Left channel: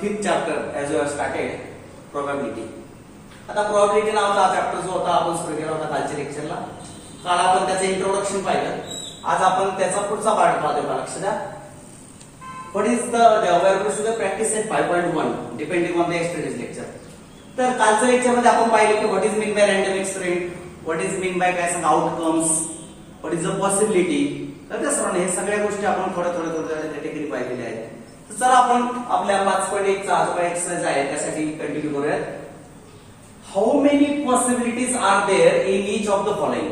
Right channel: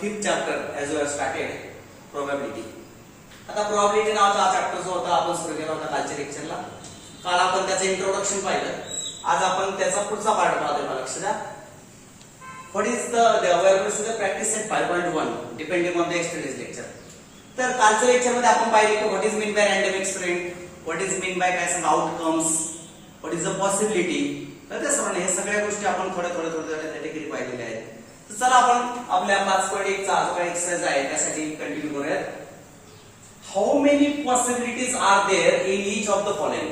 fifth chapter as we have started probability. आता probability नावाचा हा चॅप्टर जो होता आपण सुरू केला होता कालच्या लेक्चरला. काल आपण त्याचं इंट्रोडक्शन पाहिलं. आज आपण त्याचा पुढचा पार्ट पाहतोय. लक्ष द्या. What is the available to the practice set 5.1 depending on the yesterday's lecture. तर कालच्या लेक्चर मध्ये आपण पाहिलं की what is mean by random experiment, what is mean by काय सांगा outcomes, what is the possibility. तर त्या सर्व हे सगळ्या गोष्टी आपण थोडे त्या ठिकाणी पाहिलेल्या आहेत. तर चला आपण आपल्या 5.1 चा जो एक्सरसाइज आहे त्यासाठी कंटिन्यू करूया. How many possibilities are there in each of the following.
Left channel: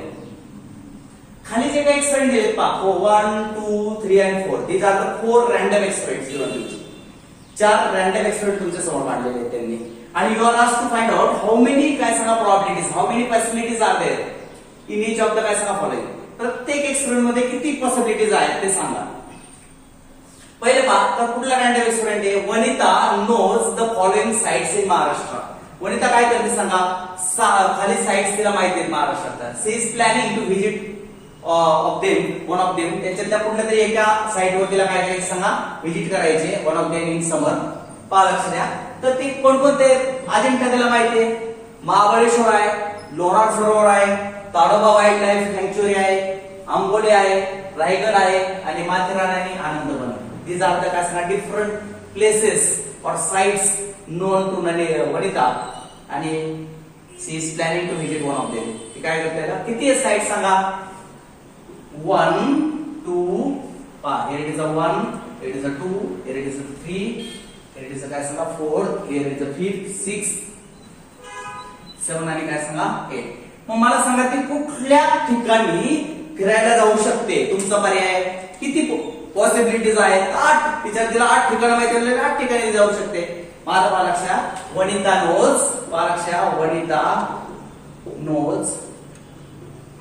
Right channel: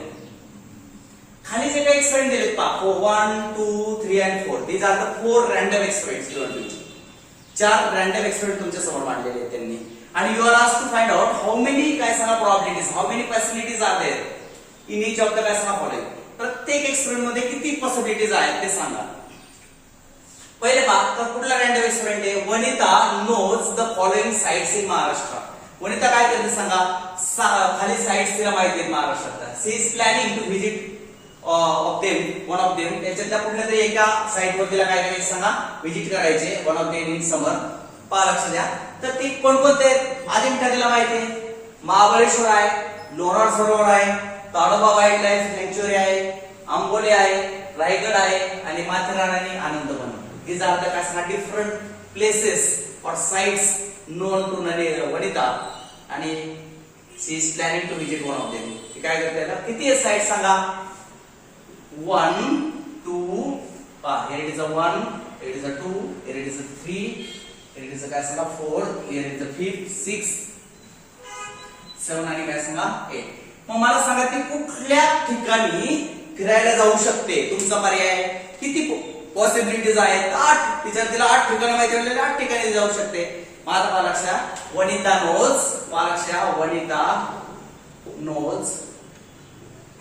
खाली जे काही एक्सपेरिमेंट दिलेत पहा 1 2 3 and 4 these are the 4 random experiments given to you. 4 random experiment तुमच्या समोर मांडलेले आहेत त्यांनी आणि you are asked to find out how many काय सांगा probabilities, how many possibilities are there in each of the काय सांगा फॉलोइंग. प्रत्येक एक्सपेरिमेंट मध्ये किती पॉसिबिलिटीज आहेत ते सांगा. पहिले पहा तर कुठला रँडम एक्सपेरिमेंट आहे. Vanita knows the following sites in Maharashtra. Vanita काय करते सांगा. खाली साइट्स तिला माहिती आहेत महाराष्ट्रात. She is planning to visit of them one of them. त्याच्यातल्या कुठल्या तरी एका साइट वर तिला काय करायचं सांगा व्हिजिट करायचे. One of them in summer. पहा लक्ष द्या. तर ते कोणकोणते अजिंठा तिला माहिती आहे. महाबळेश्वर आहे, लोणार सरोवर आहे, ताडोबा वाईल्ड लाईफ सँक्च्युअरी आहे, आंबोली आहे, रायगड आहे आणि माथेरान आणि आनंदवन. These are the काय डिफरंट प्लेसेस और साइट्स नोन टू वनिता आणि she is planning to visit one of them. ती काय करते का किती आहे साइट सांगा. 1 2 पहा here it is a 1, here it is a 2, here it is a 3, here it is a काय सांगा 4, here it is a 5 6 7 आणि काय सांगा 8. मग मला सांगा ती कुठल्या ठिकाणी फिरायला जाऊ शकते. तुमचा पर्याय किती पॉसिबिलिटीज आहेत. 8. तिला 8 ठिकाण माहिती आहे. 8 ठिकाणी जाऊ शकते. माझा पहा लक्षात वनिता नोज. पहा लक्षात वनिता नोज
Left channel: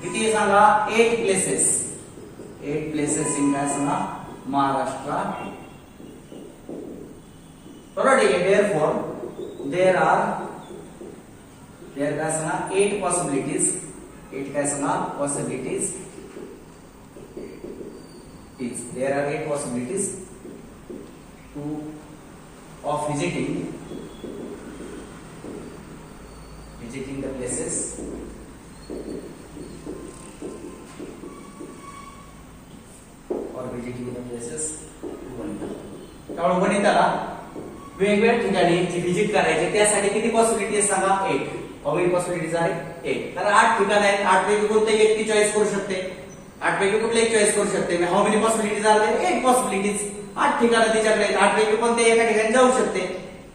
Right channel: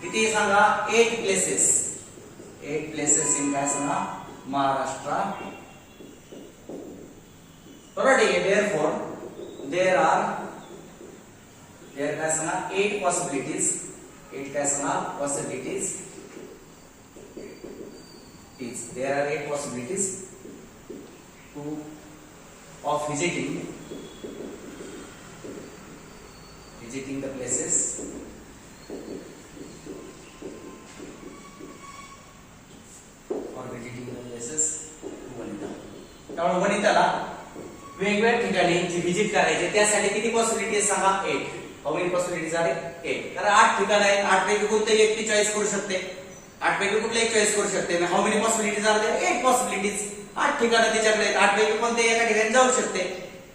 किती सांगा 8 प्लेसेस. 8 प्लेसेस इन काय सांगा महाराष्ट्र. बरोबर ठीक आहे. देयरफॉर देयर आर काय सांगा 8 पॉसिबिलिटीज. 8 काय सांगा possibilities. There are 8 possibilities of visiting the places or visiting the places to Vanita. त्यामुळे वनिताला वेगवेगळ्या ठिकाणी जी व्हिजिट करायची त्यासाठी किती पॉसिबिलिटीज सांगा 8. हाऊ मेनी पॉसिबिलिटीज आहेत 8. तर 8 ठिकाण आहेत. 8 पैकी कोणतेही एक ती चॉईस करू शकते. 8 पैकी कुठले एक चॉईस करू शकते. How many possibilities are there 8 possibilities. 8 ठिकाणं तिच्याकडे 8 पैकी कोणते एका ठिकाणी जाऊ शकते.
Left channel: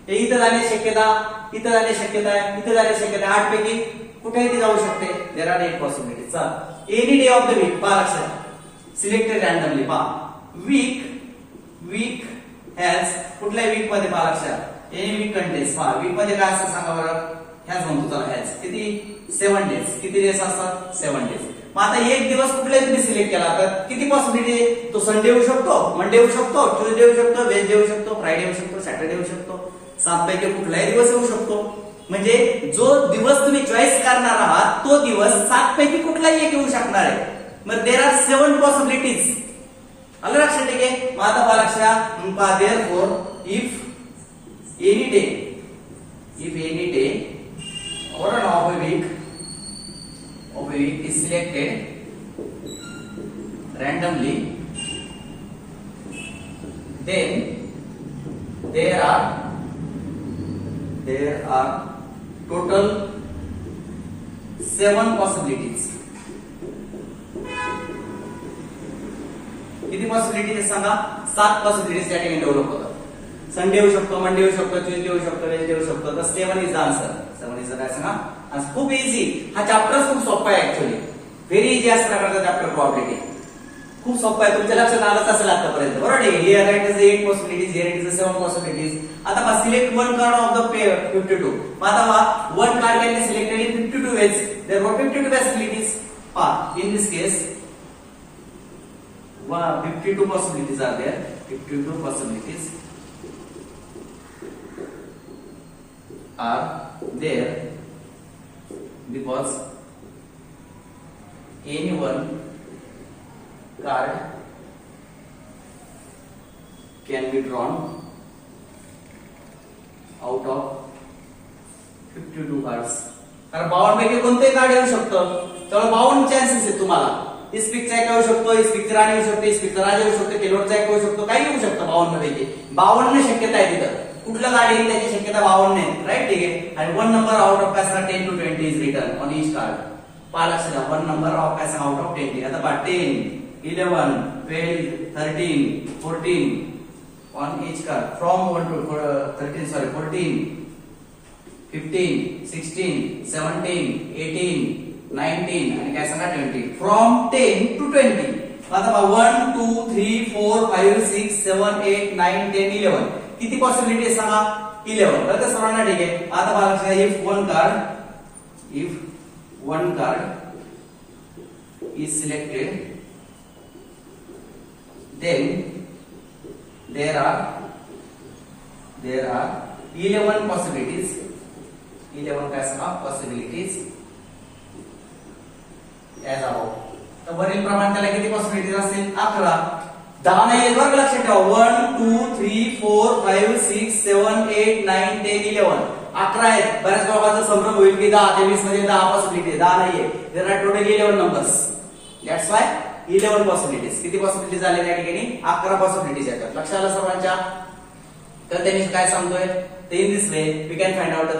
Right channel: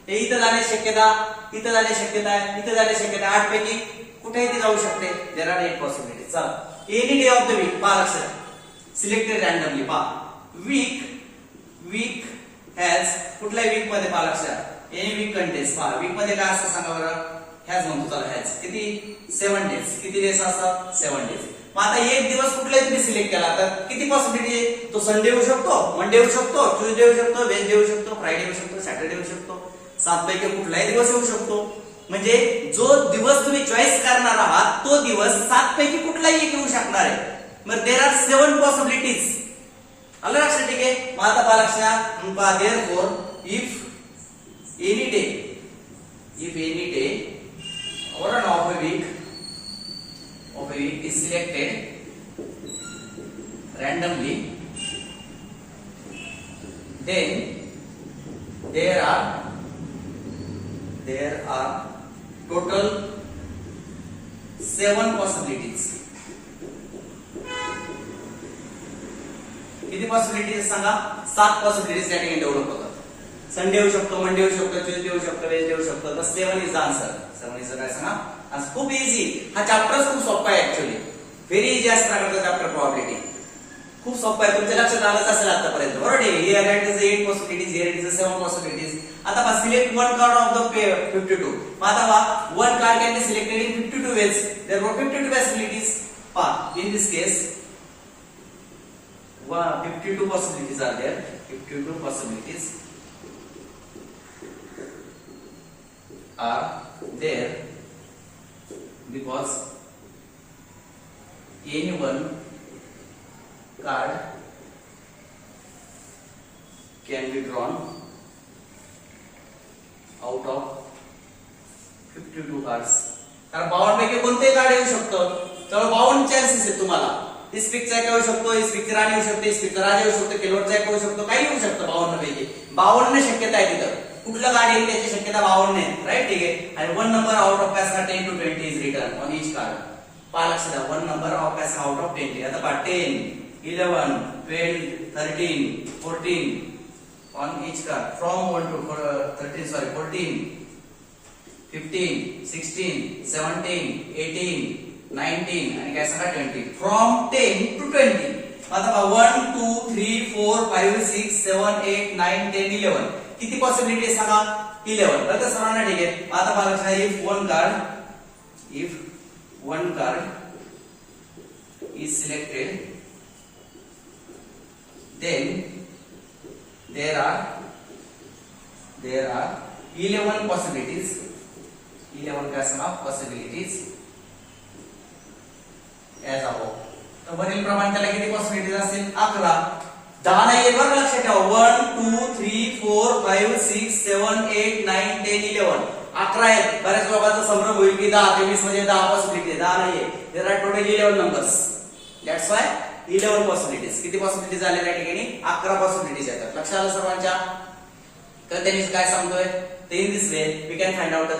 हे इथं जाण्याची शक्यता, इथं जाण्याची शक्यता आहे, इथं जाण्याची शक्यता आहे. 8 पैकी कुठेही ती जाऊ शकते. There are 8 possibilities. चला any day of the week पहा लक्षात सिलेक्टेड रँडमली. पहा वीक हॅज कुठल्या वीक मध्ये पहा लक्षात एनी वीक कंटेन्स. पहा वीक मध्ये काय असतं सांगा बरं. हॅज म्हणतो चला हॅज किती 7 डेज. किती डेज असतात 7 डेज. मग आता एक दिवस कुठलाही तुम्ही सिलेक्ट केला तर किती पॉसिबिलिटी आहे. तो संडे येऊ शकतो, मंडे येऊ शकतो, ट्यूजडे येऊ शकतो, वेडनेसडे येऊ शकतो, फ्रायडे येऊ शकतो, सॅटरडे येऊ शकतो. 7 पैकी कुठलाही दिवस येऊ शकतो. म्हणजे जो दिवस तुम्ही चॉईस करणार आहात तो दिवस 7 पैकी कुठलाही एक येऊ शकणार आहे. मग देयर आर 7 पॉसिबिलिटीज. आलं लक्षात ठीक आहे. मग आता पहा लक्षात therefore if any day or an of a week is selected randomly, then there are total 7 possibilities. किती पॉसिबिलिटीज सांगा 7 पॉसिबिलिटीज या ठिकाणी डेव्हलप होतात. संडे येऊ शकतो, मंडे येऊ शकतो, ट्यूजडे येऊ शकतो, वेडनेसडे येऊ शकतो. तर 7 इज द आन्सर. 7 इज काय सांगा. खूप इझी. हा चॅप्टर खूप सोपा आहे ऍक्च्युअली. व्हेरी इझी असणार प्रकारचा चॅप्टर प्रोबॅबिलिटी. खूप सोपा आहे. तुमच्या लक्षात आलंच असेल आतापर्यंत. बरोबर आहे. Here it is 8 possibilities, here it is 7 possibilities. आता पहा select one card of the 52. आता पहा one card can be selected in 52 ways. Therefore 52 possibilities. पहा in this case 52 possibilities are there. 52 possibilities are there because any one card can be drawn out of 52 cards. तर 52 पैकी कोणतेही card येऊ शकतं. तर 52 chances आहेत तुम्हाला. इस्पिकचा एक येऊ शकतो, इस्पिकची राणी येऊ शकते, इस्पिकचा राजा येऊ शकतो, केलोरचा एक येऊ शकतो, काही येऊ शकतं 52 पैकी. 52 शक्यता आहे तिथं. कुठलं कार्ड येईल त्याची शक्यता 52 आहे. राईट, ठीक आहे. आणि 1 नंबर आउट ऑफ काय 10 to 20 is return on each card. पहा लक्षात घ्या, 1 नंबर ऑफ काय आउट ऑफ 20. आता पहा 10, 11, 12, 13, 14 on each card from 1 to 13, 14, 15, 16, 17, 18, 19 आणि काय सांगा 20. From 10 to 20. आता पहा 1, 2, 3, 4, 5, 6, 7, 8, 9, 10, 11. किती पॉसिबिलिटी सांगा? 11. तर सर्वांना ठीक आहे. आता पहा लक्षात, if one card is selected, then there are 11 possibilities. 11 काय सांगा possibilities as above. तर वरील प्रमाणे त्याला किती पॉसिबिलिटीज असतील? 11. 10 नाही येत बरं, लक्षात ठेवा. 1, 2, 3, 4, 5, 6, 7, 8, 9, 10, 11. 11 आहेत. बऱ्याच लोकांचा संभ्रम होईल की 10, 23 मध्ये 10 पॉसिबिलिटी. 10 नाहीये. There are total 11 numbers. That's why 11 possibilities. किती पॉसिबिलिटीज आले त्या ठिकाणी? 11 पॉसिबिलिटीज आहेत. लक्षात आलं सर्वांच्या? तर त्यांनी काय सांगतोय, तर in this way we can find out the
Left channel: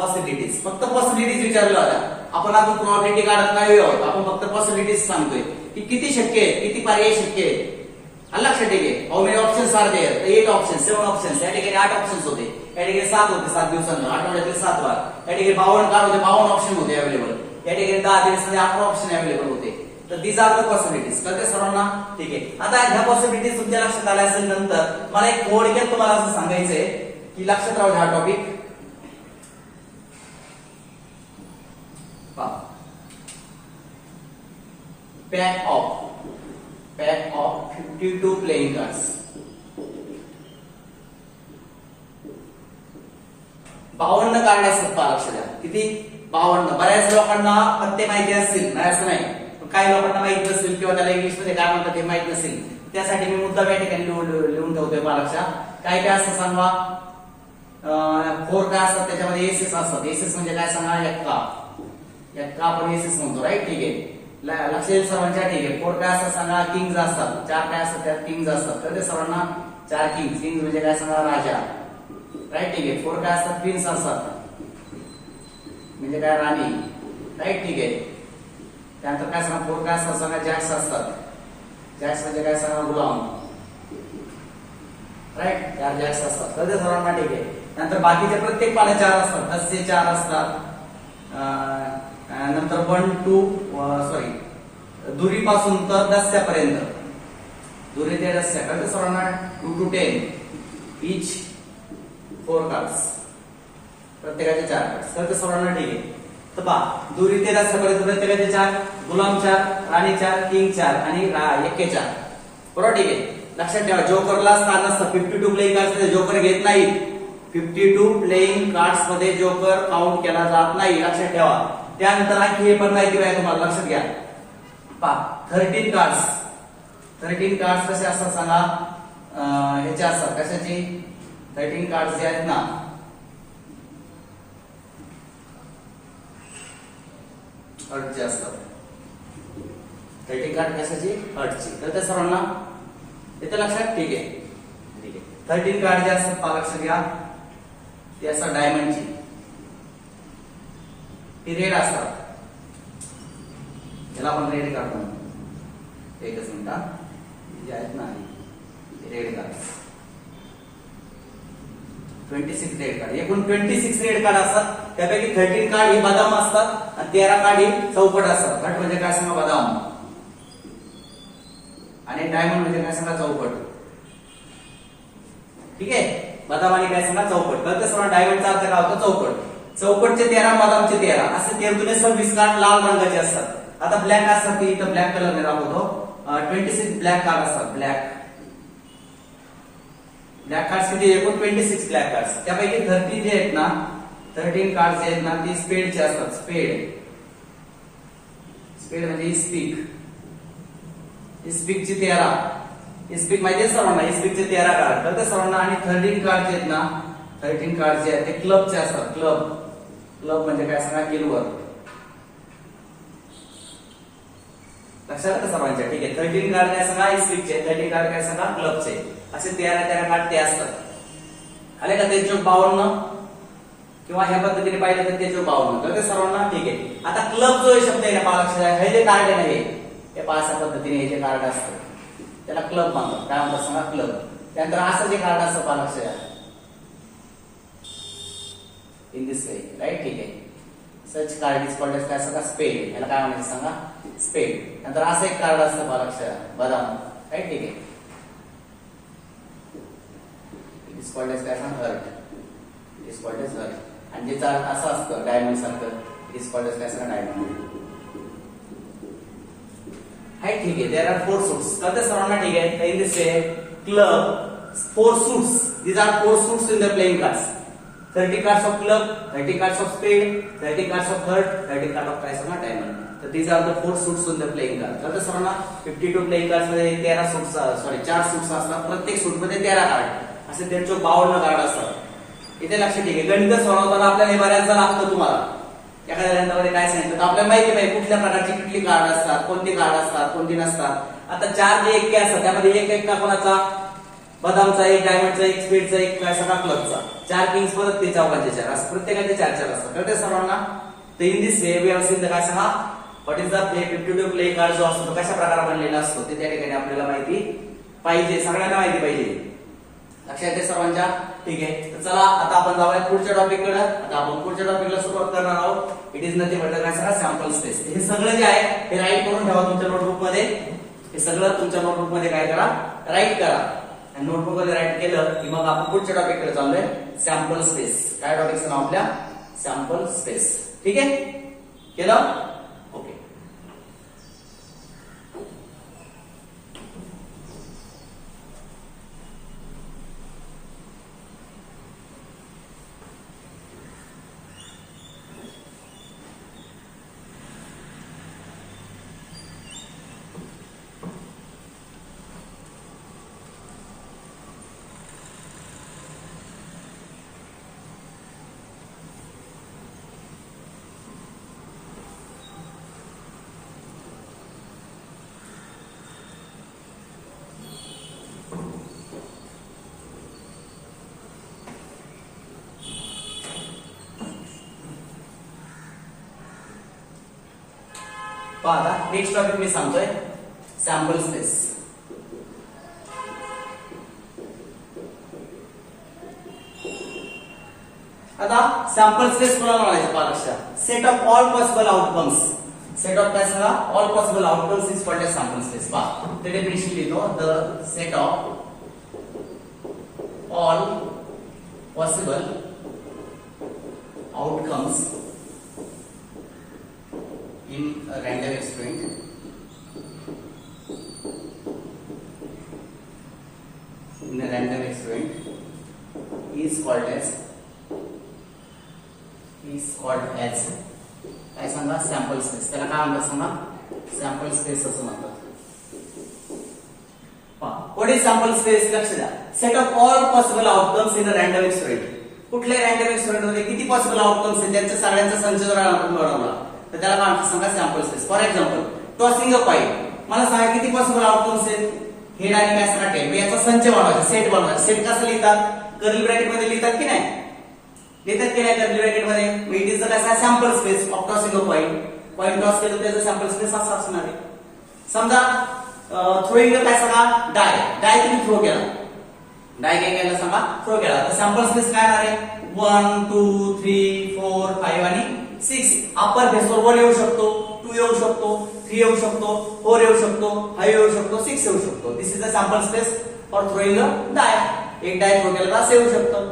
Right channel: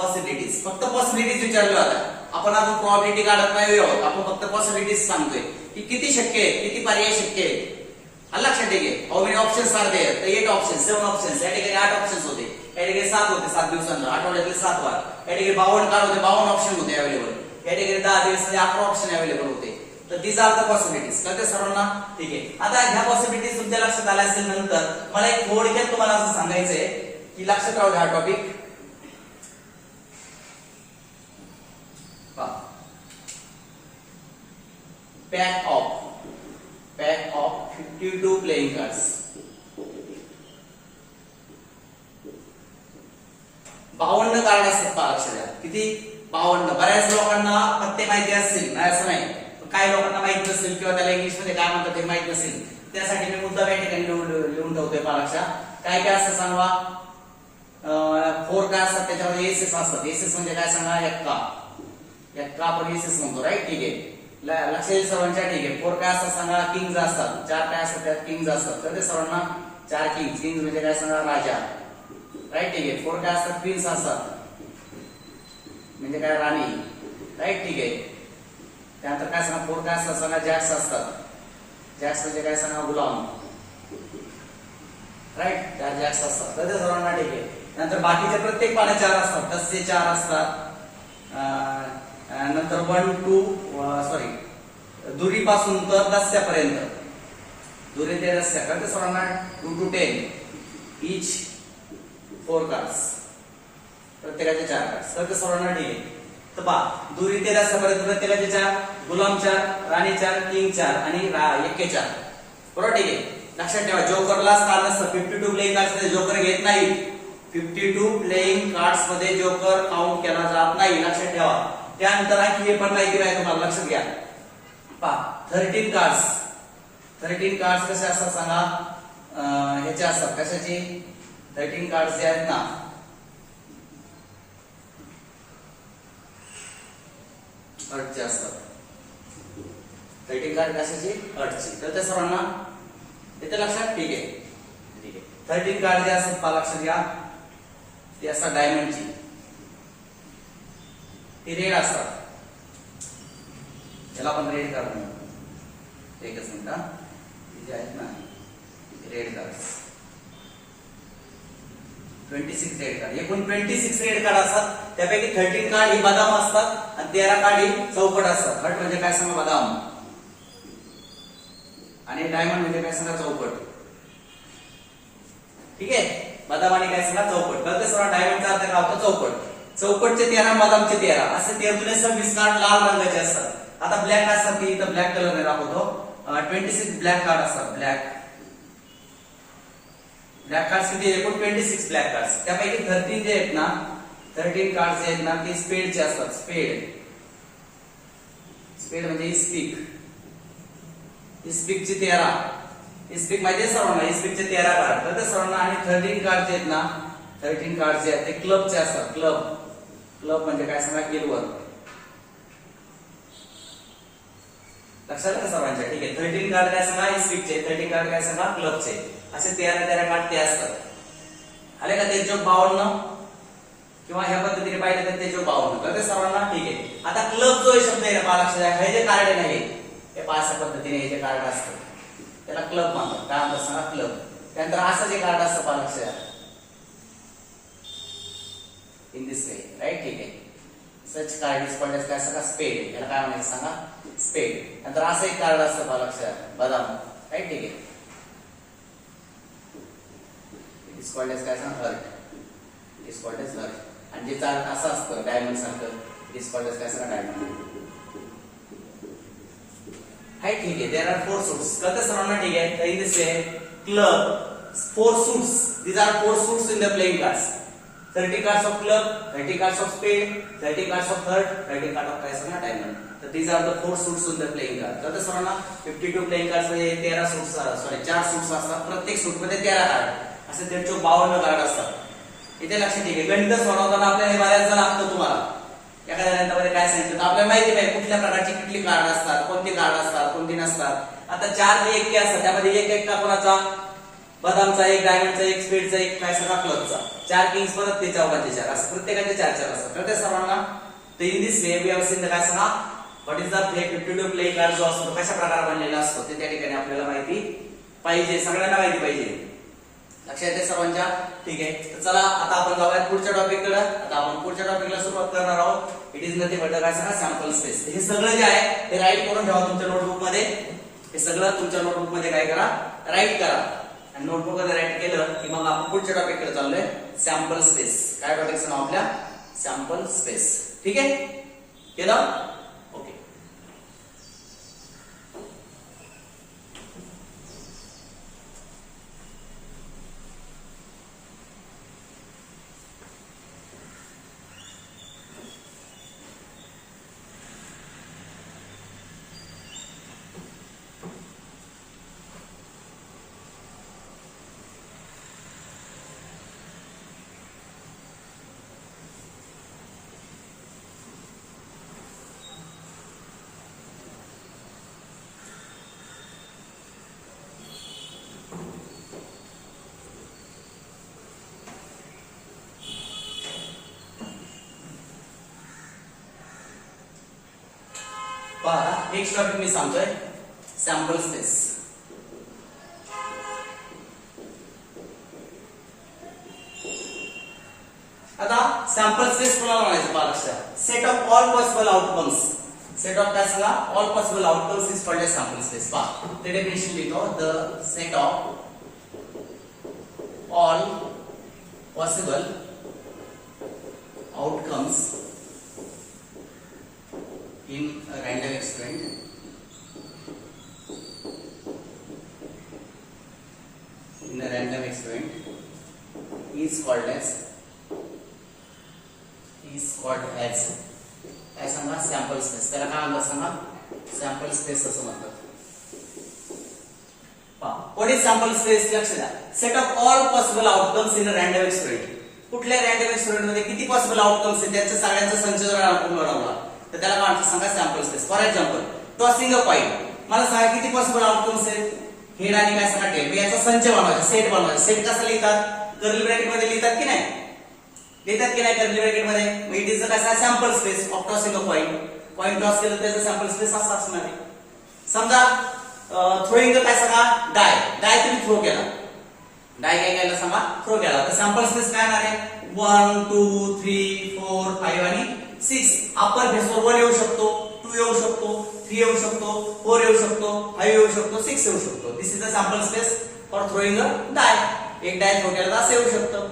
possibilities. फक्त पॉसिबिलिटीज विचारलं होता. आपण अजून प्रोबॅबिलिटी काढत नाही आहोत. आपण फक्त पॉसिबिलिटीज सांगतोय की किती शक्य आहे, किती पर्याय शक्य आहे. लक्षात ठेवा, how many options are there? तर 8 ऑप्शन्स, 7 ऑप्शन्स. या ठिकाणी 8 ऑप्शन्स होते. या ठिकाणी 7 होते, 7 दिवसांना, आठवड्यातील 7 वार. या ठिकाणी 52 कार्ड होते, 52 ऑप्शन होते अवेलेबल. या ठिकाणी 10 दिवसांमध्ये 11 ऑप्शन अवेलेबल होते. तर दीज आर द पॉसिबिलिटीज. कळते सर्वांना? ठीक आहे. आता ह्या पॉसिबिलिटीज तुमच्या लक्षात आल्या असेल. नंतर मला एक थोडक्यात तुम्हाला असं सांगायचंय की लक्षात राहू द्या हा topic. Pack of 52 playing cards. 52 card असतात. पहा लक्षात द्या, किती? 52. बऱ्याच लोकांना पत्ते माहिती असतील, नाही असं नाही, काही लोकांना माहित नसेल किंवा त्याला इंग्लिश मध्ये काय म्हणतात ते माहित नसेल. त्यासाठी मी मुद्दा या ठिकाणी लिहून ठेवतोय. पहा लक्षात, काय काय असतं सांगा. 4 काय असतात त्याच्यामध्ये? एसएस असतात. एसएस म्हणजे काय सांगा? एक्का आपण एसएस म्हणतो. राईट, ठीक आहे. लक्ष येईल सर्वांच्या? ठीक आहे. 4 काय असतात सांगा? किंग्ज असतात. 4 काय असतात? त्यात किंग्ज असतात. तर ते सर्वांना 4 किंग्ज. किंग्ज म्हणजे काय सांगा? राजा. राईट, ठीक आहे. 4 काय असतात? क्वीन्स असतात, म्हणजे काय? राणी. राईट, ठीक आहे. त्यानंतर काय सांगा? 4 काय असतात सांगा? जॅक्स असतात. जॅक्स म्हणजे काय सांगा? गुलाम. राईट, 4 जॅक्स असतात. तर ते सर्वांना ठीक आहे. नंतर बाकीचे प्रत्येक पाने 4 असतात. 10 चे 4 असतात. नंतर 1 to दुरीपासून तर 10 पर्यंत, दुरी ते 10 पर्यंत सर्वांना 2 to 10 इच 4 कार्ड्स. प्रत्येकाचे 4 कार्ड्स. तर ते सर्वांना ठीक आहे. तर पहा, दुरी ते 10 पर्यंत प्रत्येकाचे 4, गुलाम 4, राणी 4, किंग 4 आणि एक्के 4. बरोबर, ठीक आहे. लक्षात ठेवा, जोकरला स्थान नसतं. 52 प्लेइंग कार्ड्स मध्ये जोकर घेत नाही. 52 प्लेइंग कार्ड्स मध्ये जोकर काउंट केला जात नाही. लक्षात ठेवा. त्यानंतर आणखी हे पण माहिती आहे तुम्हाला, लक्षात घ्या. पहा, 13 कार्ड्स. 13 कार्ड्स कसे असतात सांगा? ह्याचे असतात. कशाचे? 13 कार्ड्स जे आहेत ना, हर्टचे असतात. 13 कार्ड कशाची? हर्टची. तर त्या सर्वांना येतं लक्षात? ठीक आहे, ठीक आहे. 13 कार्ड जे असतात पहा लक्षात घ्या, ते असतात डायमंडची. ती रेड असतात. याला आपण रेड कार्ड म्हणतो. एकच मिनिट हा. जे आहेत ना रेड कार्ड, 26 रेड कार्ड. एकूण 26 रेड कार्ड असतात. त्यापैकी 13 कार्ड ही बदाम असतात आणि 13 कार्ड ही चौपट असतात. घट म्हणजे काय सांगा? बदाम. आणि डायमंड म्हणजे काय सांगा? चौपट. ठीक आहे. बदाम आणि काय सांगा? चौपट. तर सर्व डायमंडचा अर्थ काय होतो? चौपट. चौपटचे 13, बदामचे 13, असे 13 कार्ड लाल रंगाचे असतात. आता ब्लॅक असतात की इथं ब्लॅक कलर ने दाखवतो. 26 ब्लॅक कार्ड असतात. ब्लॅक कार्ड्स किती? एकूण 26 ब्लॅक कार्ड्स. त्यापैकी 13 जे आहेत ना, 13 कार्ड जे आहेत ना, ते स्पेडचे असतात. स्पेड म्हणजे इस्पिकचे 13. इस्पिक माहिती आहे सर्वांना? इस्पिकचे 13 कार्ड. तर ते सर्वांना. आणि 13 कार्ड जे आहेत ना, 13 कार्ड जे आहेत ते क्लबचे असतात. क्लब म्हणजे काय सांगा, इलवर. लक्षात आलं सर्वांच्या? ठीक आहे. 13 कार्ड काय सांगा, स्वीटचे. 13 कार्ड काय सांगा, क्लबचे. असे 13 कार्ड ते असतात. आले का? ते 52 किंवा ह्या पद्धतीने पाहिलं तर ते 52 कळते सर्वांना? ठीक आहे. आता क्लब जो शब्द आहे ना पहा, लक्षात. हे जे कार्ड आहे ना, हे अशा पद्धतीने हे जे कार्ड असतं त्याला क्लब म्हणतात. काय म्हणतात सांगा, क्लब. त्यानंतर असं जे कार्ड असतं पहा, लक्षात इन दिस वे, राईट. ठीक आहे. सच कार्ड इज कॉल्ड एज काय सांगा, स्पेड. याला काय म्हणायचं सांगा, स्पेड. नंतर असं एक कार्ड असतं पहा, लक्षात, बदाम, राईट. ठीक आहे. इट इज कॉल्ड एज काय सांगा, heart. It is called as heart. आणि जे असं असतं डायमंड सारखं, इट इज कॉल्ड एज काय सांगा, डायमंड. हाय, ठीक आहे. There are 4 suits. कळते सर्वांना? ठीक आहे. तर in this way club 4 suits. These are 4 suits in the playing cards. 30 cards of club, 30 cards of spade, 30 cards of heart, 30 cards of काय सांगा, डायमंड. तर these are the 4 suits on the playing card. कळतं सर्वांना? 52 playing cards मध्ये 13 suits, 4 suits असतात. प्रत्येक सूट मध्ये 13 card असे 52 कार्ड असतात. इथे लक्षात. ठीक आहे. गणित सोडवताना आपल्याला हे बऱ्याचदा लागतं. तुम्हाला एखाद्या गणितामध्ये काय सांगितलं तर आपल्याला माहिती पाहिजे कुठल्या प्रकारची किती कार्ड असतात, कोणती कार्ड असतात, कोणती नसतात. आता 4 जे एके असतात त्यामध्ये एक का कोणाचा, बदामचा एक, डायमंडचा एक, स्पीडचा एक, काय सांगा, क्लबचा. 4 किंग्स परत ते चौकांचे 4 असं प्रत्येकाचे 4 असतात. कळते सर्वांना? तर in this way we have seen the काय सांगा, what is the 52 play card जो असतो कशा प्रकारे बनलेला असतो ते त्या ठिकाणी आपल्याला माहिती पाहिजे, सगळ्यांना माहिती पाहिजे. लक्षात येते सर्वांच्या? ठीक आहे. तर चला आता आपण जाऊया पुढच्या टॉपिककडे. आता आपण पुढच्या टॉपिकला सुरुवात करणार आहोत. इट इज नथिंग बट काय सांगा, सॅम्पल स्पेस. हे सगळं जे आहे ते राईट करून ठेवा तुमच्या नोटबुक मध्ये. हे सगळं तुमच्या नोटबुक मध्ये काय करा, राईट करा. आणि नोटबुक मध्ये राईट केलं की मग आपण पुढच्या टॉपिककडे चाललोय, सॅम्पल स्पेस. काय टॉपिकचं नाव आपल्या, सॅम्पल स्पेस. ठीक आहे, केलं? ओके. पहा नेक्स्ट टॉपिक मी सांगतोय, सॅम्पल स्पेस. आता सॅम्पल स्पेस कोणाला म्हणायचं पहा लक्षात. Set of all possible outcomes. Set of काय सांगा, all possible outcomes is called as sample space. पहा ते डेफिनेशन लिहितो, the set of all possible outcomes in a random experiment, is called as काय सांगा, सॅम्पल स्पेस. त्याला काय म्हणतात सांगा, सॅम्पल स्पेस असं म्हणतात. What is sample space? लक्ष द्या. Set of all possible outcomes in a random experiment. कुठल्या रँडम एक्सपेरिमेंट मध्ये किती पॉसिबल आउटकम्स आहेत त्यांच्या सगळ्यांचा संच जर आपण मिळवला तर त्याला काय सांगा, sample space. For example tossing a coin. मला सांगा किती पॉसिबल आउटकम्स आहेत, हेड आणि काय सांगा टेल. मी याचा संच बनवायचा, सेट बनवायचा. सेट कसं लिहितात, कर्ली ब्रॅकेट मध्ये लिहितात की नाही, लिहितात की नाही कर्ली ब्रॅकेट मध्ये. इट इज काय सांगा, sample space of tossing a coin. Coin toss केलं त्याचं सॅम्पल स्पेस असं असणार आहे. समजा थ्रोइंग काय सांगा, डाय तुम्ही थ्रो केला, डाय काय केला सांगा, थ्रो केला, तर सॅम्पल स्पेस काय आहे, 1 2 3 4 5 आणि 6. अप्पर फेसवर 1 येऊ शकतो, 2 येऊ शकतो, 3 येऊ शकतो, 4 येऊ शकतो, 5 येऊ शकतो, 6 येऊ शकतो. This is the sample space for throwing a die. एक डाय थ्रो केला तर असं येऊ शकतं.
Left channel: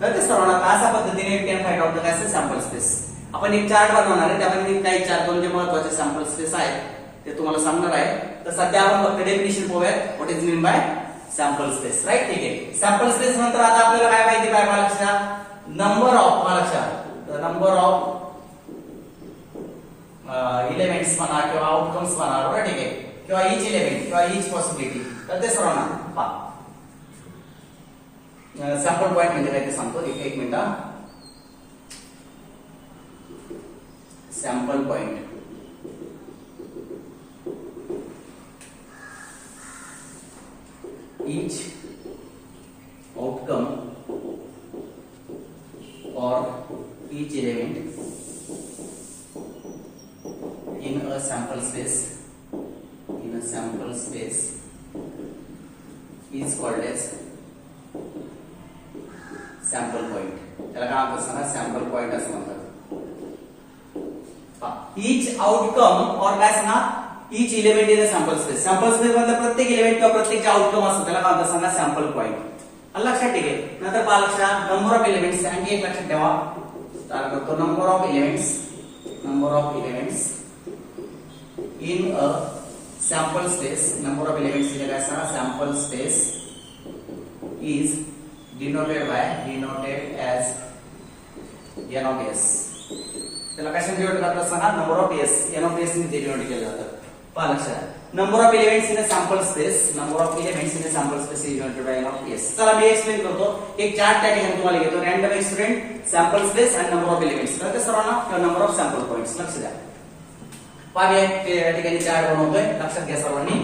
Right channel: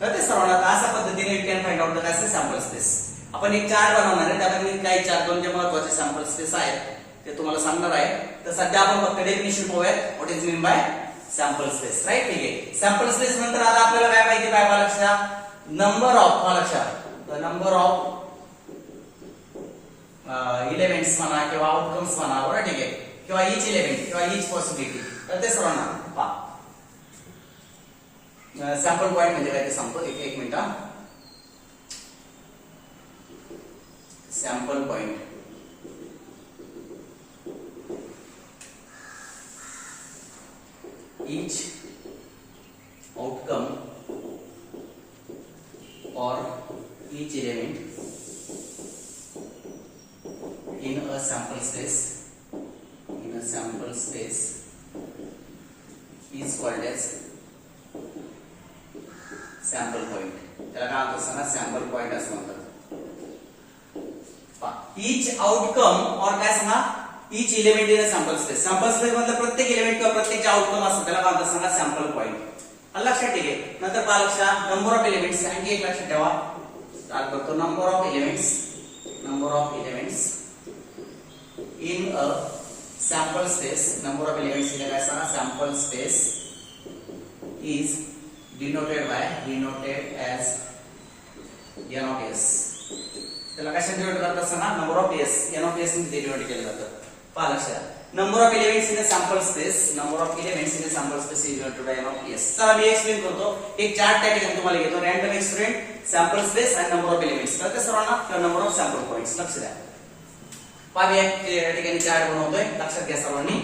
कळते सर्वांना? अशा पद्धतीने यू कॅन फाइंड आउट काय सॅम्पल स्पेस. आपण एक चार्ट बनवणार आहे, त्यामध्ये मी काही चार दोन जे महत्त्वाचे सॅम्पल स्पेस आहेत ते तुम्हाला सांगणार आहे. तर सध्या आपण फक्त डेफिनेशन पाहूया, what is mean by sample space. Right, ठीक आहे. सॅम्पल स्पेस नंतर आता आपल्याला काय माहिती पाहिजे लक्षात, नंबर ऑफ लक्षात, नंबर ऑफ इलेमेंट्स म्हणा किंवा आउटकम्स म्हणा, बरोबर, ठीक आहे, किंवा इच इलेमेंट किंवा इच पॉसिबिलिटी. तर ते सर्वांना पहा, सॅम्पल पॉइंट म्हणजे काय ते सांगतो. एक minute. Sample point each outcome or each element in a sample space is called as sample point. त्याला काय म्हणतात सांगा, सॅम्पल पॉइंट असं म्हणतात. each outcome or काय सांगा, each element in a sample space. Sample space मधला प्रत्येक एलिमेंट किंवा प्रत्येक जे आउटकम असतो त्याला काय म्हणतात सांगा, सॅम्पल पॉइंट. लक्षात ठेवा. नंतर पहा लक्षात, नंबर ऑफ एलिमेंट्स. आणि एक लक्षात ठेवा, स्टार्ट करतो. Number of elements in a sample space. number of elements in a sample space is denoted as n of s. त्याला कशाने डिनोट करतात सांगा, number of s. n of s ने डिनोट केलं जातं. पहा लक्षात, number of elements in a sample space is denoted by n of s. चला मी एक्सप्लेन करतो. एक चार्ट त्या ठिकाणी तुम्हाला घेतो. रँडम एक्सपेरिमेंट, सॅम्पल स्पेस आणि नंबर ऑफ एलिमेंट्स. कळते सर्वांना? किंवा नंबर ऑफ सॅम्पल पॉइंट्स. लक्ष द्या. पहा मी या ठिकाणी चार्ट बनवतोय. लक्षात घ्या सर्वांनी.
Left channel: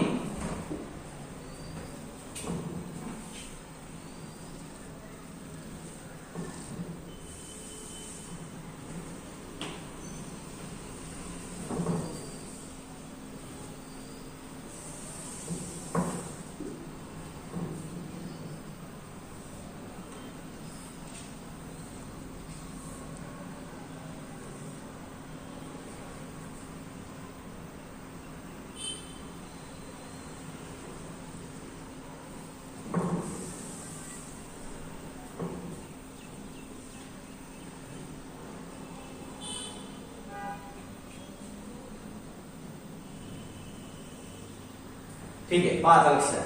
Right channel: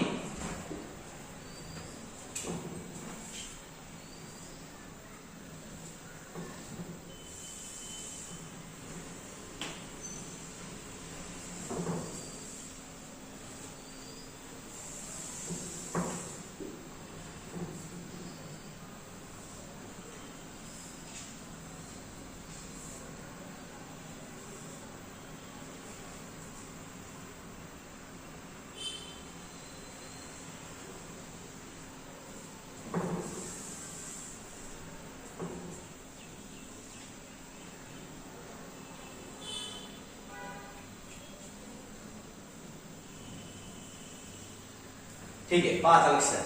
ठीक आहे. पहा लक्षात,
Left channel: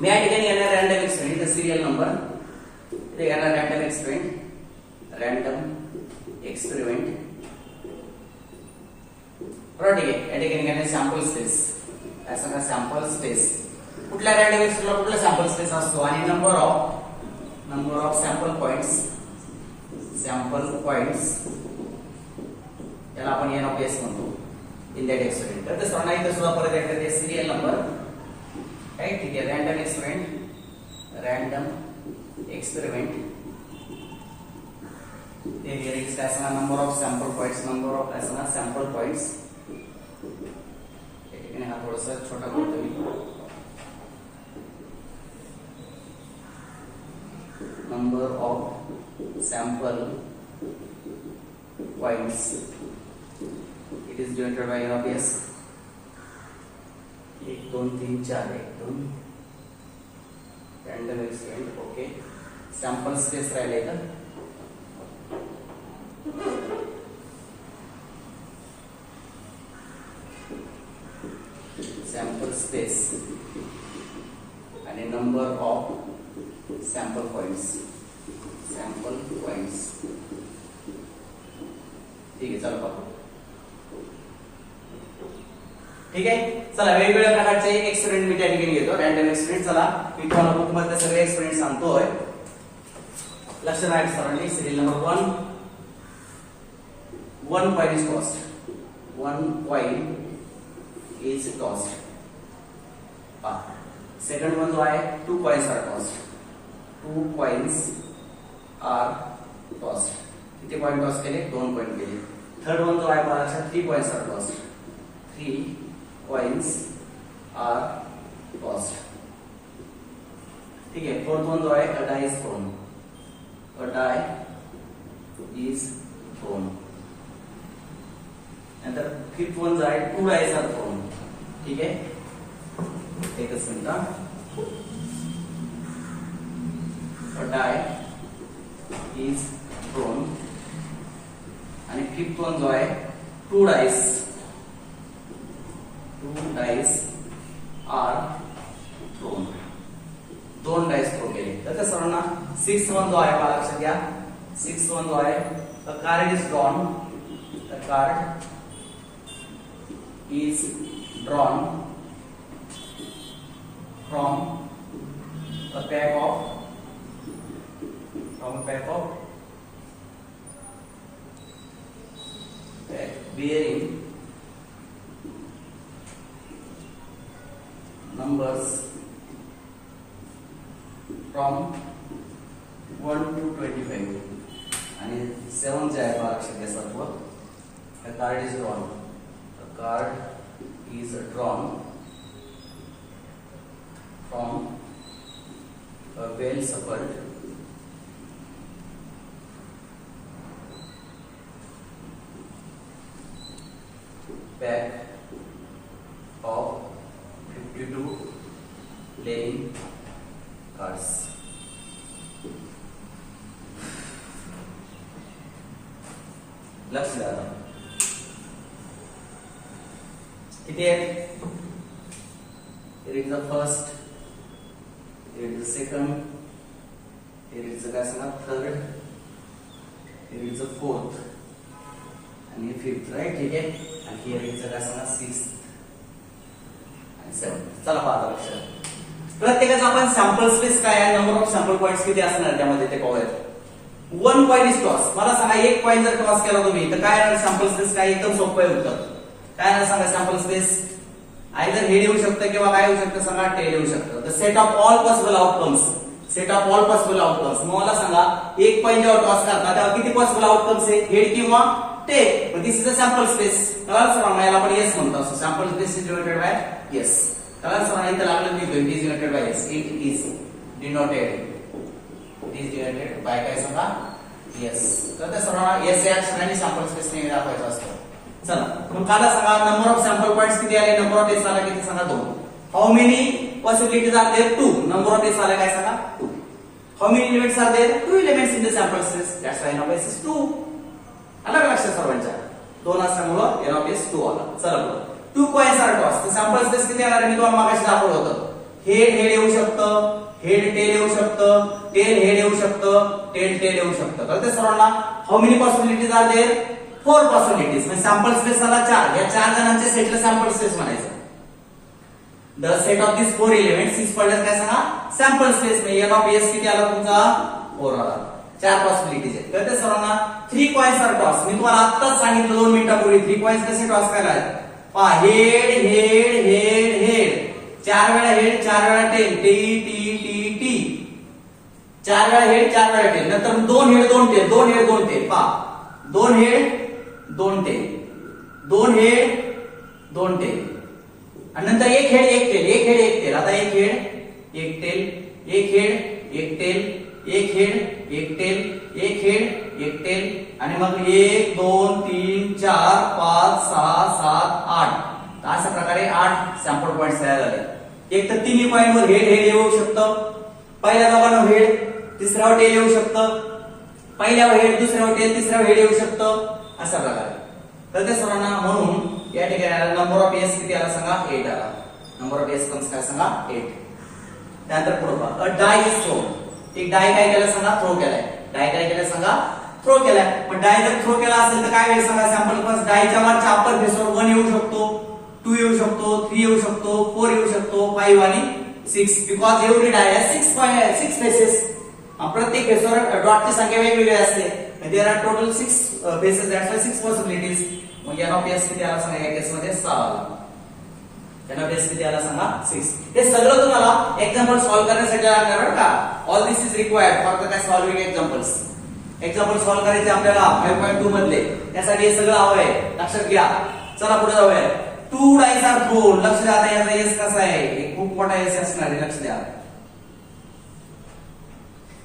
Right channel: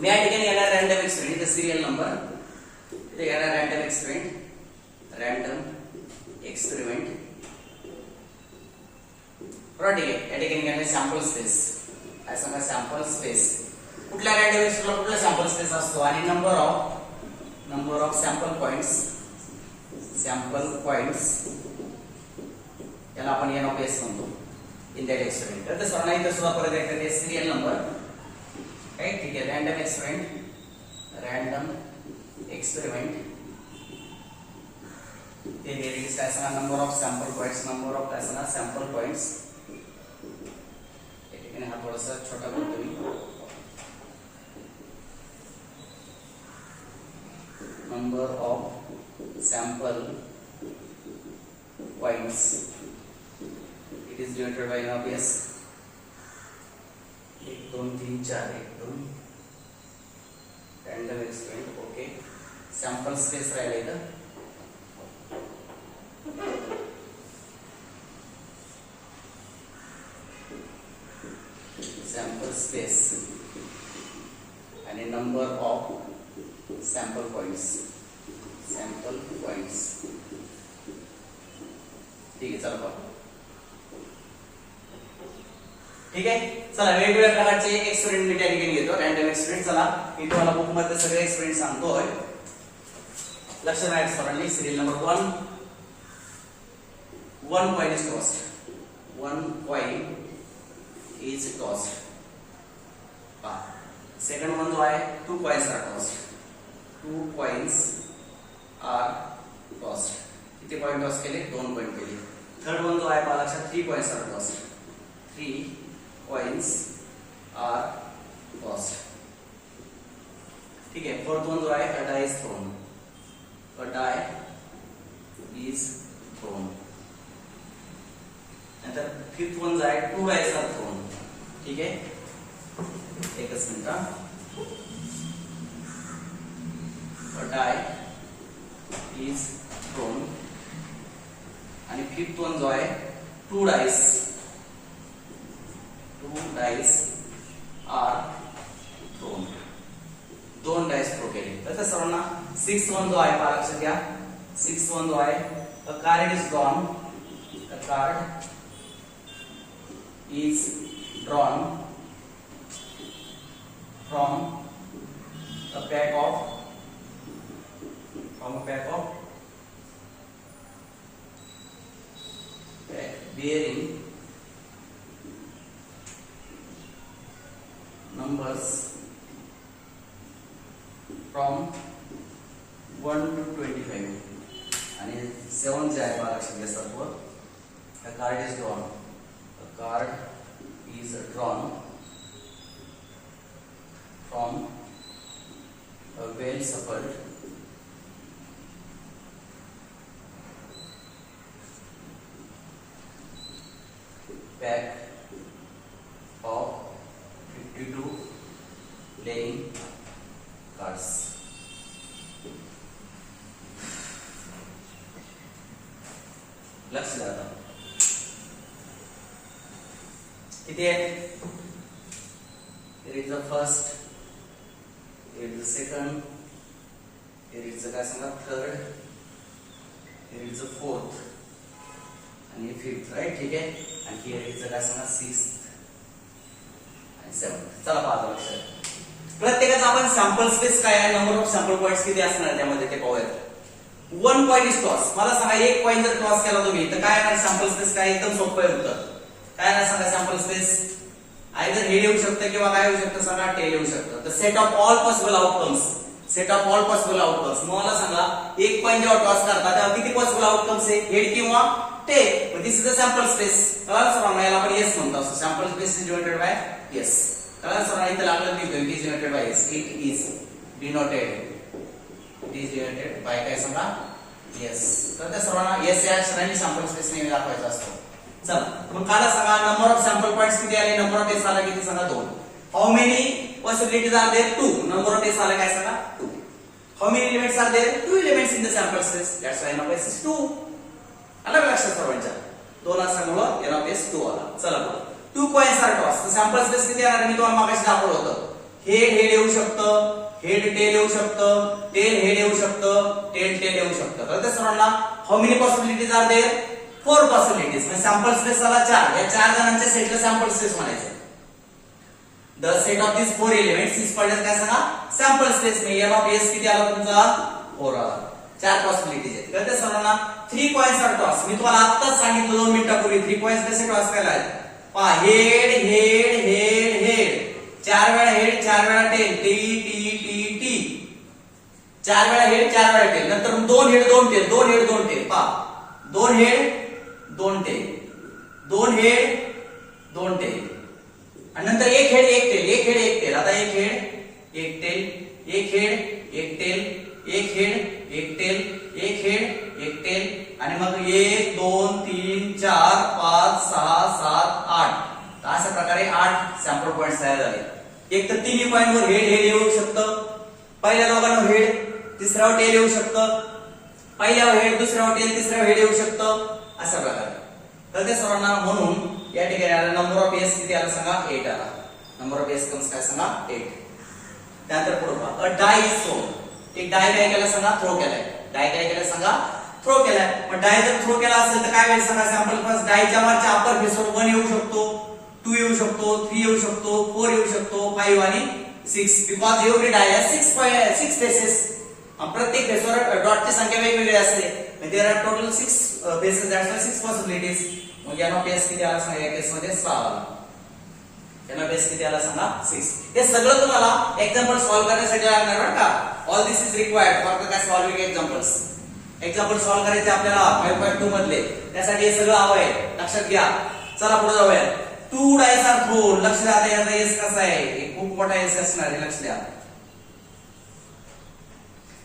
मी या ठिकाणी येणार रँडम एक्सपेरिमेंट, सिरियल नंबर. इथे येणार रँडम एक्सपेरिमेंट. बरोबर, ठीक आहे. या ठिकाणी येणार सॅम्पल स्पेस. काय सांगा, सॅम्पल स्पेस. कुठल्या रँडम एक्सपेरिमेंटला कुठला सॅम्पल स्पेस असतो आणि नंबर ऑफ सॅम्पल पॉइंट्स याला आपण n of s म्हणतो इन दॅट एक्सपेरिमेंट. तर सर्वांना इथं सुद्धा परत एकदा सिरियल नंबर. ठीक आहे. रँडम एक्सपेरिमेंट हे काय सांगा, नंबर ऑफ सॅम्पल पॉइंट्स या ठिकाणी हा थोडासा छोटा करतो मी. Number of sample points it is denoted by n of s. 1 2 3 4 1 2 random experiment. Okay. Sample space राहिले का, सॅम्पल स्पेस आणि नंबर ऑफ सॅम्पल पॉइंट्स. ठीक आहे. चला पाहू. ठीक आहे. चला वेगवेगळ्या प्रकारचे एक्सपेरिमेंट मी त्या ठिकाणी घेतो. Random experiment. चला मी तुम्हाला बुक मध्ये सगळे एक्सपेरिमेंट सांगतोय. लक्ष द्या सर्वांनी. Serial number 1 coin is tossed. 1 coin is tossed. Second one जो आहे 2 coins are tossed. 2 coins are tossed. किती पॉइंट टॉस केले? 2 पॉइंट केले. थर्ड वन जो आहे पहा लक्षात 3 coins are tossed. 3 coins are tossed. ठीक है. फोर्थ वन जो है a die is thrown. नंतर फिफ्थ वन जो है 2 dice are thrown. ठीक है. एकच मिनिट. a die is thrown आणि फिफ्थ वन जो है 2 dice are thrown. 2 dice throw केले. तर सर्वांना 6th वन जो आहे पहा लक्षात घ्या. 6th वन जो आहे a card is drawn. from a pack of from a pack of bearing numbers from 1 to 25 आणि 7 जे आहे मला लक्षात घ्यायचं तत्व a card is drawn from a well shuffled pack of 52 playing cards. लक्ष द्या किती आहे here is the first, here is the second, here is the third, here is the fourth and fifth, right? ठीक आहे आणि here is the sixth and seventh. चला पाहता लक्षात प्रत्येकाचा आपण सॅम्पल स्पेस काय आहे नंबर ऑफ सॅम्पल पॉइंट्स किती असणार त्यामध्ये ते पाहूया. 1 पॉइंट इज टॉस मला सांगा 1 पॉइंट जर टॉस केला तुम्ही तर काय आहे सॅम्पल स्पेस काय एकदम सोपं आहे उत्तर काय आहे सांगा सॅम्पल स्पेस आयदर हेड येऊ शकतं किंवा काय येऊ शकतं सांगा टेल येऊ शकतं. The set of all possible outcomes मला सांगा 1 पॉइंट जेव्हा टॉस करता तेव्हा किती पॉसिबल आउटकम्स आहे हेड किंवा tail. This is the sample space कळलं सर याला आपण येस म्हणतो असं sample space is denoted by S कळलं सर इथे लागलं मी it is denoted by S it is denoted by काय सांगा येस कळतं सर्वांना येस या अक्षरांनी सॅम्पल स्पेस नेहमी दाखवायचा असतो. चला मग काला सांगा नंबर ऑफ सॅम्पल पॉइंट्स किती आले नंबर ऑफ टेस्ट आला किती सांगा 2. How many possibilities are there 2 number of test आला काय सांगा 2. How many elements are there 2 elements in the sample space that's why n of S is 2. आलं लक्षात सर्वांच्या 2 असल्यामुळे एन ऑफ एस 2 आला. चला बघा 2 कॉइन्स आर टॉस तर सॅम्पल स्पेस किती आला मी तुम्हाला मागाशी दाखवलं होतं हेड येऊ शकतं हेड टेल येऊ शकतं टेल हेड येऊ शकतं टेल येऊ शकतं कळतं सर्वांना. How many possibilities are there 4 possibilities sample space आला 4 या 4 जणांच्या सेटला सॅम्पल स्पेस म्हणायचं. The set of this 4 elements is called काय सांगा सॅम्पल स्पेस मी एन ऑफ एस किती आला तुमचा 4 आला. 4 पॉसिबिलिटीज आहेत कळतं सर्वांना. 3 कॉइन्स आर टॉस मी तुम्हाला आत्ताच सांगितलं 2 मिनिटांपूर्वी 3 कॉइन्स कसे टॉस करायला पहा हेड हेड हेड हेड 4 वेळा हेड 4 वेळा tail T T T T 4 वेळा हेड 4 वेळा टेल नंतर 2 हेड 2 टेल 2 हेड 2 टेल पहा 2 हेड 2 टेल 2 हेड 2 टेल आणि नंतर 1 हेड 1 टेल 1 हेड 1 टेल आता 1 head 1 tail 1 head 1 tail 1 head 1 tail 1 head 1 tail आणि मग 1 2 3 4 5 6 7 8 अशा प्रकारे 8 सॅम्पल पॉइंट्स तयार झाले. एक तर तिन्ही पॉइंट वर हेड येऊ शकतं पहिल्या जागावर हेड तिसऱ्यावर टेल येऊ शकतं पहिल्यावर हेड दुसऱ्यावर टेल तिसऱ्यावर हेड येऊ शकतं अशा प्रकारे. तर त्या सर्वांना म्हणून या ठिकाणी नंबर ऑफ एस किती आला सांगा 8 आला. नंबर ऑफ एस कम्स काय सांगा 8. त्यानंतर पुढे पहा अ डाय इज थ्रोन एक डाय काय केलं सांगा थ्रो केलाय डाय काय केलं सांगा थ्रो केलाय. पण डाय जर थ्रो केला असेल तर काय होईल सांगा सॅम्पल फर्स्ट डायच्या वरच्या अप्पर फेसवर 1 येऊ शकतो 2 येऊ शकतो 3 येऊ शकतो 4 येऊ शकतो 5 आणि 6 because every die has 6 faces प्रत्येक फेसवर डॉटची संख्या वेगवेगळी असते there are total 6 faces that's why 6 possibilities. मग एन ऑफ एस किती आला सांगा या केस मध्ये 6 आला. एन ऑफ एस किती आला सांगा 6. हे सगळं तुम्हाला एक्झाम्पल सॉल्व्ह करण्यासाठी लागणार बरं का. All this is required for the solving examples. Example solve करायचे आपल्याला 5.2 मधले त्यासाठी हे सगळं हवं आहे लक्षात घ्या. चला पुढे जाऊया. 2 डायस आर थ्रोन लक्ष द्या याचा एस कसा आहे एक खूप मोठा एस असणार आहे लक्ष द्या.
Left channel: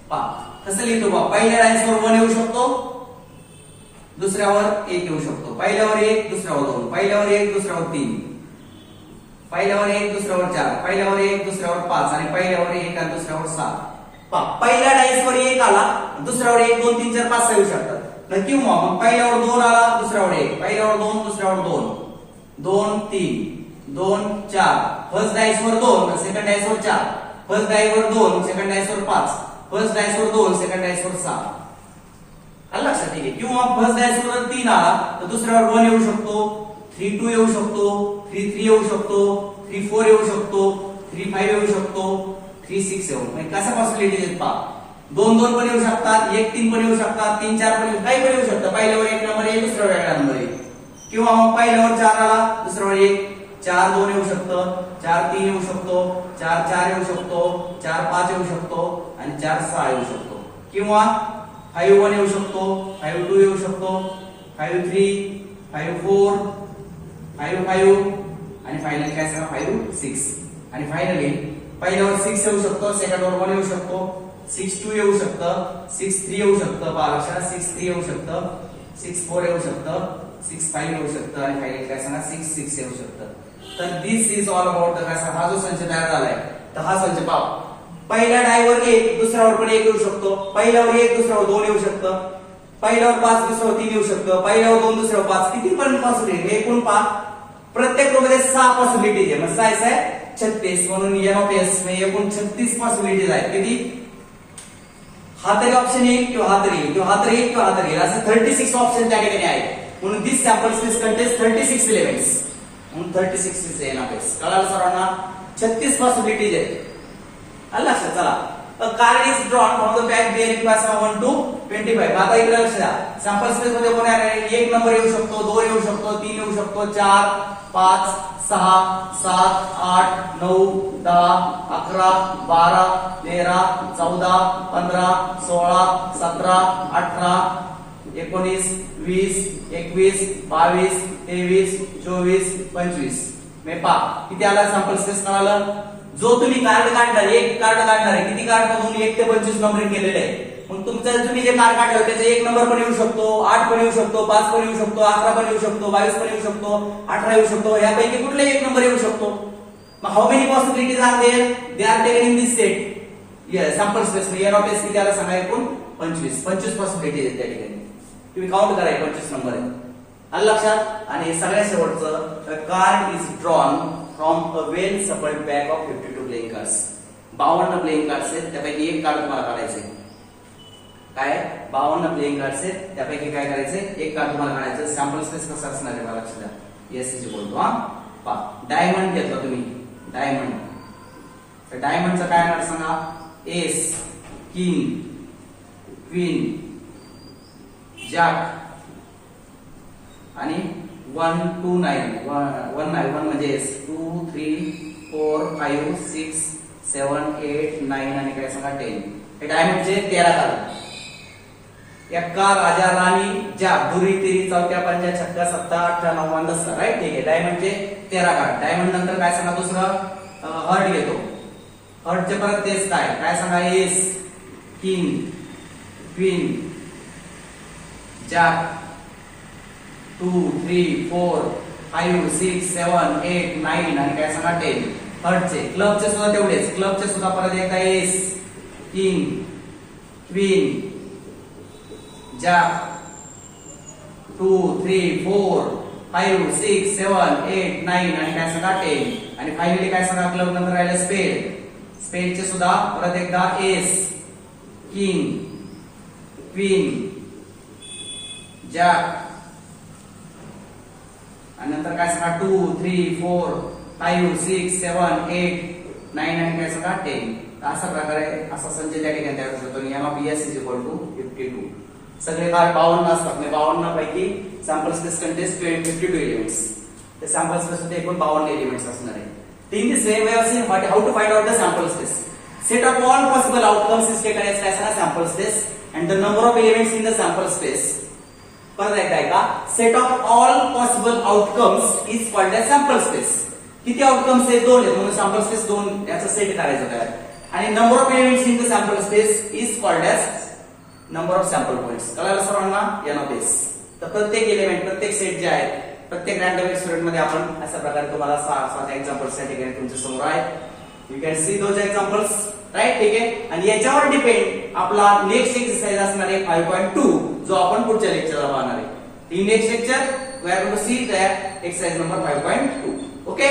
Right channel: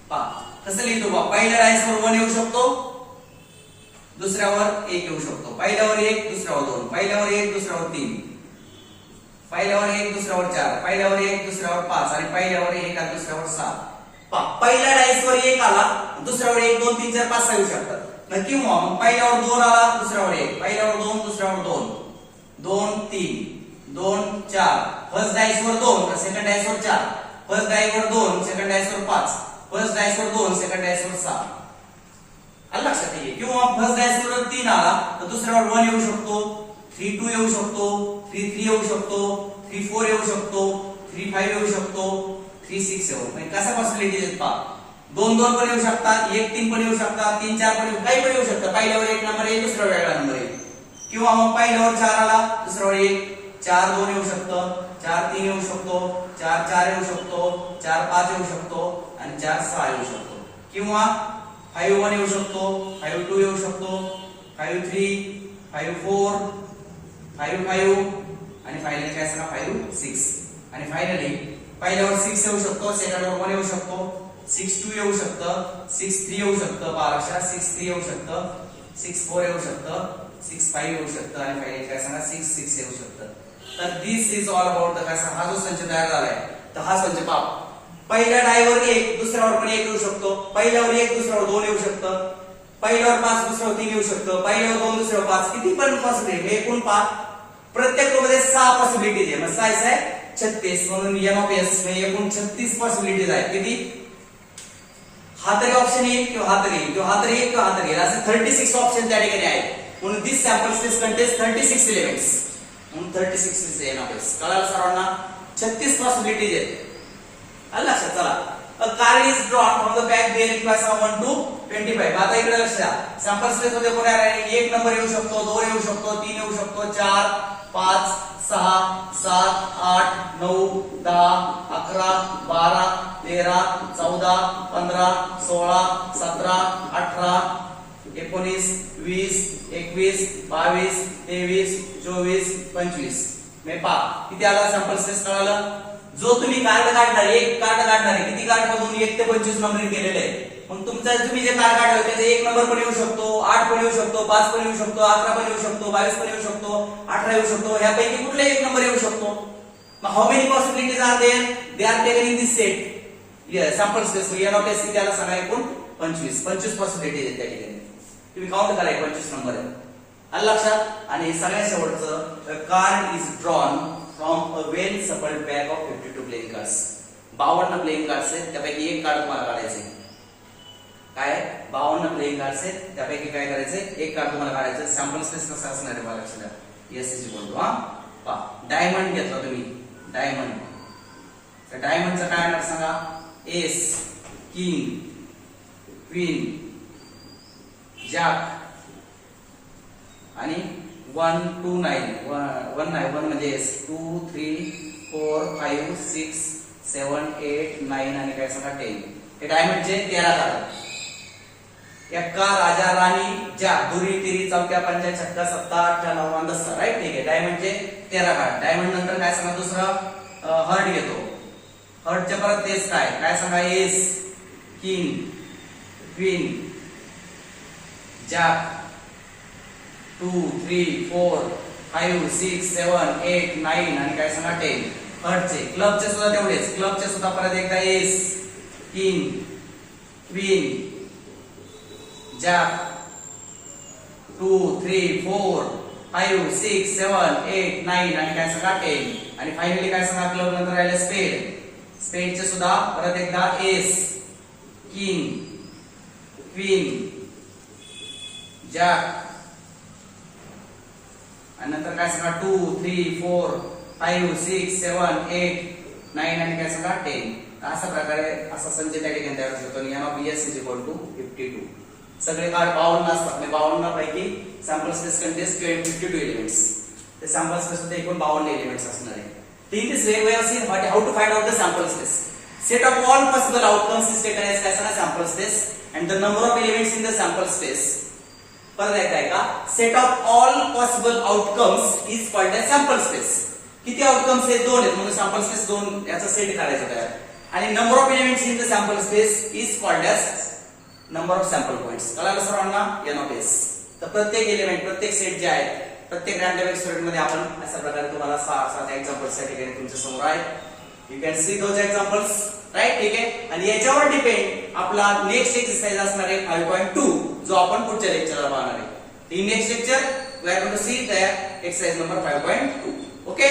पहा कसं लिहितो बा पहिल्या डायसवर 1 येऊ शकतो दुसऱ्यावर 1 येऊ शकतो पहिल्यावर 1 दुसऱ्यावर 2 पहिल्यावर 1 दुसऱ्यावर 3 पहिल्यावर 1 दुसऱ्यावर 4 पहिल्यावर 1 दुसऱ्यावर 5 आणि पहिल्यावर 1 आणि दुसऱ्यावर 7. पहा पहिल्या डायसवर 1 आला दुसऱ्यावर 1 2 3 4 5 6 येऊ शकतात किंवा मग पहिल्यावर 2 आला दुसऱ्यावर 1 पहिल्यावर 2 दुसऱ्यावर 2 2 3 2 4 फर्स्ट डायसवर 2 सेकंड डायसवर 4 फर्स्ट डायसवर 2 सेकंड डायसवर 5 फर्स्ट डायसवर 2 सेकंड डायसवर 6 आलं लक्षात ठेवा. किंवा फर्स्ट डायसवर 3 आला तर दुसऱ्यावर 1 येऊ शकतो 3 2 येऊ शकतो 3 3 येऊ शकतो 3 4 येऊ शकतो 3 5 येऊ शकतो 3 6 येऊ म्हणजे कसा पॉसिबिलिटी आहेत पहा 2 2 पण येऊ शकतात, 1 3 पण येऊ शकतात, 3 4 पण काही पण येऊ शकतं. पहिल्यावर 1 नंबर येईल, दुसऱ्यावर वेगळा नंबर येईल. किंवा मग पहिल्यावर 4 आला, दुसऱ्यावर 1 4 2 येऊ शकतं, 4 3 येऊ शकतो, 4 4 येऊ शकतो, 4 5 येऊ शकतो आणि 4 6 येऊ शकतो. किंवा 5 1 येऊ शकतो, 5 2 येऊ शकतो, 5 3 5 4 5 5 आणि फायनल काय सांगा 5 6. आणि फायनली पहिल्यावर 6 येऊ शकतो, सेकंडवर 1 येऊ शकतो, 6 2 येऊ शकतं, 6 3 येऊ शकतं, पहा लक्षात 6 3 येऊ शकतं, 6 4 येऊ शकतं, 6 5 येऊ शकतं आणि फायनल काय सांगा 6 6 येऊ शकतं. तर दिस इज ऑल अबाउट द काय हा जो संच तयार झालाय तर हा संच पहा. पहिल्या डायवर 1 दुसऱ्यावर पण 1 येऊ शकतो, पहिल्यावर 1 दुसऱ्यावर 2 येऊ शकतं, पहिल्यावर 5 दुसऱ्यावर 3 येऊ शकतं, पहिल्यावर 2 दुसऱ्यावर 5, किती पण पॉसिबिलिटी एकूण पहा. प्रत्येक रो मध्ये 6 पॉसिबिलिटीज आहे. मग 6 आहे 36 म्हणून एन ऑफ एस मध्ये एकूण 36 पॉसिबिलिटीज आहेत. किती हा तरी ऑप्शन येईल किंवा हा तरी येईल किंवा हा तरी येईल किंवा हा तरी येईल, असे 36 ऑप्शन त्या ठिकाणी आहेत. म्हणून दिस सॅम्पल स्पेस कंटेन्स 36 एलिमेंट्स. म्हणून 36 इज एन ऑफ एस. कळालं सर्वांना? 36 पॉसिबिलिटीज आहेत. आलं लक्षात? चला, a card is drawn from the back bearing class 1 to 25. आता इकडे लक्ष द्या. सॅम्पल स्पेस मध्ये कोण आहे? 1 नंबर येऊ शकतो, 2 येऊ शकतो, 3 येऊ शकतो, 4 5 6 7 8 9 10 11 12 13 14 15 16 17 18 19 20 21 22 23 24 25. मे पा किती आला सॅम्पल स्पेस? कळालं? जो तुम्ही कार्ड काढणार, एक कार्ड काढणार आहे, किती कार्ड मधून 1 ते 25 नंबरिंग केलेले आहे. मग तुमचं तुम्ही जे कार्ड काढलं त्याचा 1 नंबर पण येऊ शकतो, 8 पण येऊ शकतो, 5 पण येऊ शकतो, 11 पण येऊ शकतो, 22 पण येऊ शकतो, 18 येऊ शकतो, यापैकी कुठलाही 1 नंबर येऊ शकतो. मग how many possibilities are there? They are taken in this set sample space. N of S किती आला सांगा? एकूण 25 पॉसिबिलिटीज आहेत त्या ठिकाणी. तुम्ही काउंट करा, 25 नंबर आहे. आलं लक्षात? आणि सगळ्यात शेवटचं, card is drawn from a well shuffled bag of 52 playing cards. 52 playing cards आहेत, त्यापैकी एक कार्ड तुम्हाला काढायचंय. काय? 52 प्लेइंग कार्ड्स आहेत, त्यापैकी काय करायचंय? एक कार्ड तुम्हाला काढायचं. सॅम्पल स्पेस कसं असणार आहे मला लक्षात द्या. एस इज बोलतो हा. पहा, डायमंड घेतला तुम्ही, डायमंड. तर डायमंडचं काय होणार सांगा? एस, किंग, क्वीन, जॅक आणि 1 2 9 1 म्हणजे 2 3 4 5 6 7 8 9 आणि काय सांगा 10. हे डायमंडचे 13 कार्ड. एक्का, राजा, राणी, जॅक, दुरी, तिरी, चौक्या, पंजा, छक्का, 7 8 9 10. राईट? ठीक आहे. डायमंडचे 13 कार्ड. डायमंड नंतर काय सांगा? दुसरं हर्ट घेतो. हर्टचे परत तेच काय सांगा? एस, किंग, क्वीन, जॅक, 2 3 4 5 6 7 8 9 आणि काय सांगा 10. हर्टचे. क्लबचे सुद्धा तेवढेच. क्लबचे सुद्धा परत एकदा एस, किंग, क्वीन, जॅक, 2 3 4 5 6 7 8 9 आणि काय सांगा 10. आणि फायनली काय सांगा? क्लब नंतर राहिले स्पेड. स्पेडचे सुद्धा परत एकदा एस, किंग, क्वीन, जॅक आणि नंतर काय सांगा 2 3 4 5 6 7 8 9 आणि काय सांगा 10. अशा प्रकारे असा संच त्या ठिकाणी तयार होऊ शकतो. N of S is equal to 52. सगळे कार्ड 52 असतात. 52 पैकी सॅम्पल स्पेस कंटेन्स 52 एलिमेंट्स. ते सॅम्पल स्पेस मध्ये एकूण 52 एलिमेंट्स असणार आहे. In this way, we have seen how to find out the sample space. Set of all possible outcomes is taken as काय सांगा? sample space and the number of elements in the sample space. परत एकदा ऐका. Set of all possible outcomes is called as sample space. किती outcomes आहेत? 2 आहेत म्हणून sample space 2 याचा सेट करायचा तयार. आणि number of elements in the sample space is called as number of sample points. कळालं सर्वांना? N of S. तर प्रत्येक एलिमेंट, प्रत्येक सेट जे आहेत, प्रत्येक रँडम एक्सपेरिमेंट मध्ये आपण अशा प्रकारे तुम्हाला 6 एक्झाम्पल्स या ठिकाणी तुमच्या समोर आहेत. You can see those examples. Right? ठीक आहे. आणि याच्यावर डिपेंड आपला नेक्स्ट एक्सरसाइज असणार आहे 5.2, जो आपण पुढच्या लेक्चरला पाहणार आहे. In next lecture we are going to see the exercise number 5.2. Okay.